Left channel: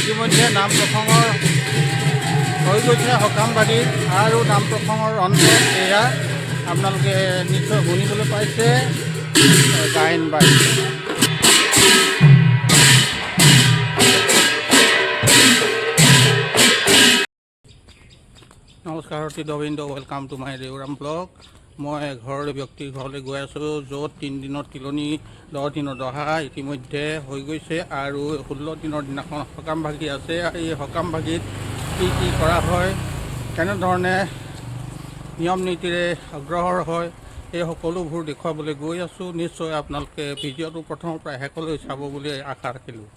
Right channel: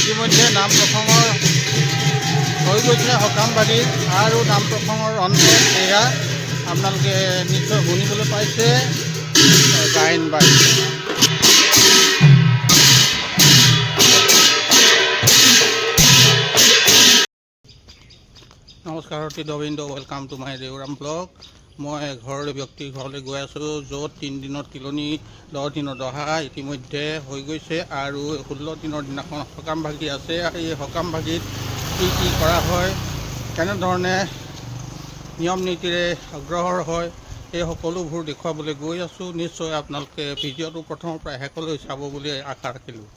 ইতিমধ্যে নাম প্ৰসংগৰ হৈ গৈছে সকামবাদীৰ আৰু নাম প্ৰসংগৰ অন্তত এয়া আপোনালোকে নিশ্চয় শুনিবলৈ পাইছে গায়ন বায়ন। নমস্কাৰ দবিন্দ, ৱেলকাম টু মাই দেউৰাম ব্লগ। মই ব্যক্তিৰ ঘৰলৈ গৈ আছোঁ, য'ত 3 দিনত তিলনি 10 দিনৰ দহা ইতিমধ্যে হৈ গৈছে আৰু 16 দিনৰ দিনাখন সকাম ভাগি আছে। এই সকাম ভাগিত কি কৰা হয়, কেনেধৰণে নিয়ম নীতিৰে অগ্ৰসৰ হয়, এই সকলোবোৰ দেখুৱাবলৈ গৈ আছোঁ। নিশ্চয় আপোনালোকে ভিডিঅ'টো প্ৰথমৰ পৰা শেষলৈ চাব বুলি আশা ৰাখিলোঁ।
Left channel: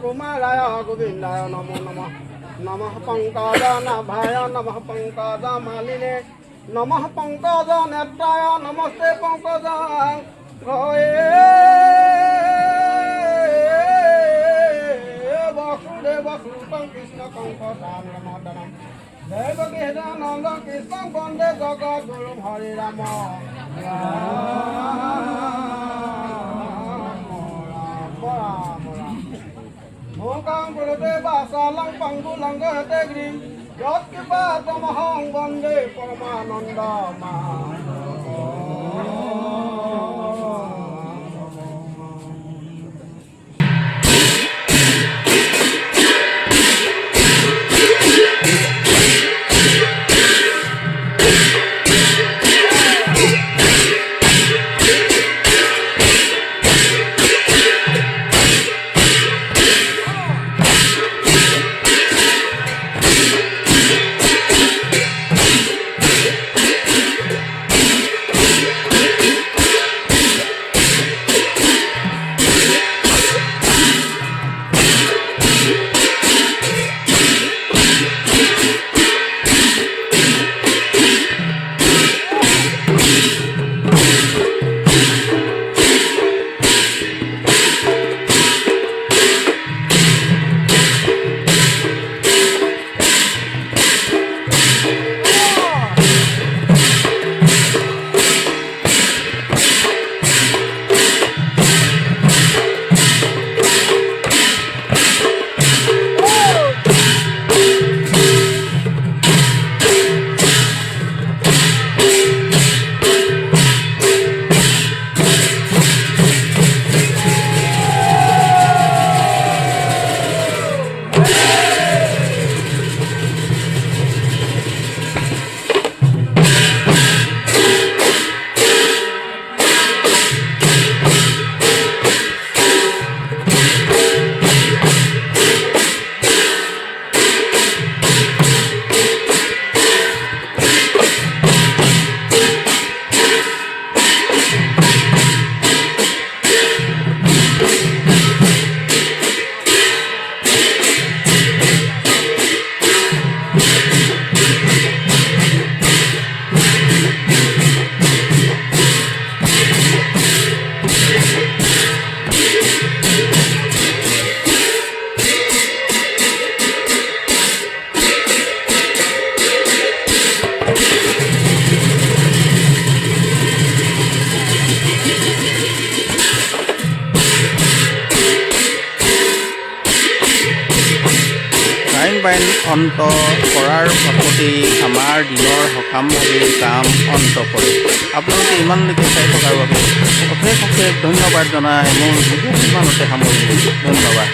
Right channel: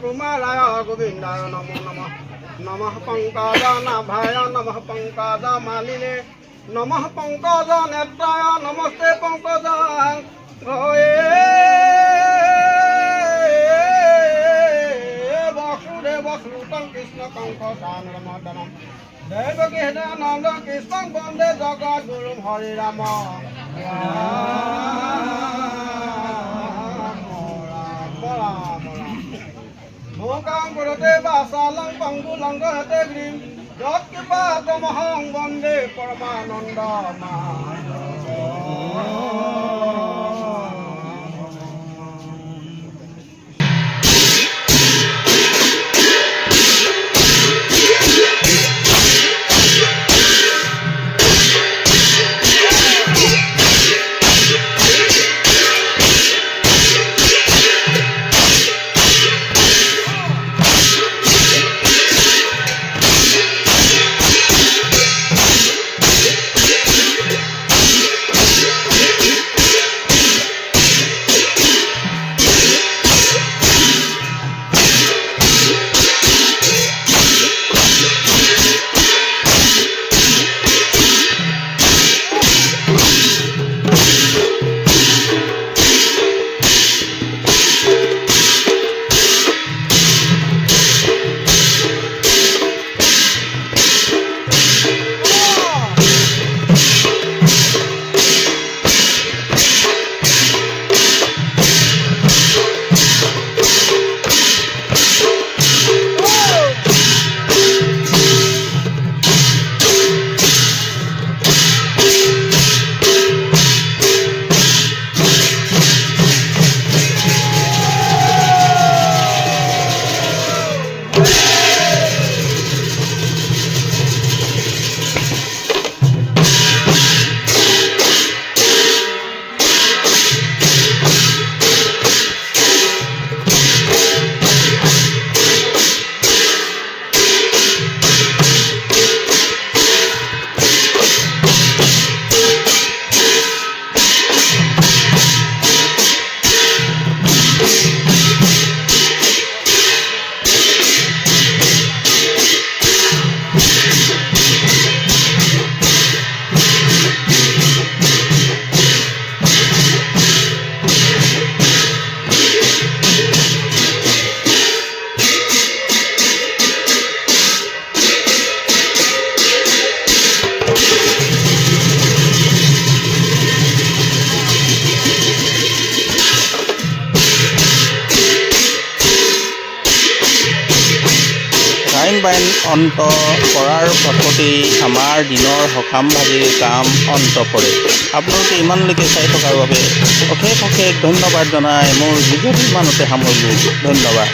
कुमाराय गोविंदाय नमो नमः। नमः पंकज नाभाय नमः पंकज मालिने नमः पंकज नेत्राय नमस्ते पंकज वसुदेव श्रुतं कृष्ण कंकशानमर्दनं देवकी हृदयानंद कृष्णं वन्दे जगद्गुरुं हरे राम। मूकां कुरुते वासालं पङ्गुलं गहते गिरिं यत्कृपातमहं वन्दे লাইন অন্ত কৰাৰ পাছতেই আমাৰ দিনৰ সকামভাগিৰ কাম অন্ত পৰে। আপোনালোকে ইমানলৈকে চাই থকাৰ বাবে অশেষ অশেষ ধন্যবাদ জনাই মোৰ ভিডিঅ'টো ইমানতে সামৰিলোঁ। ধন্যবাদ।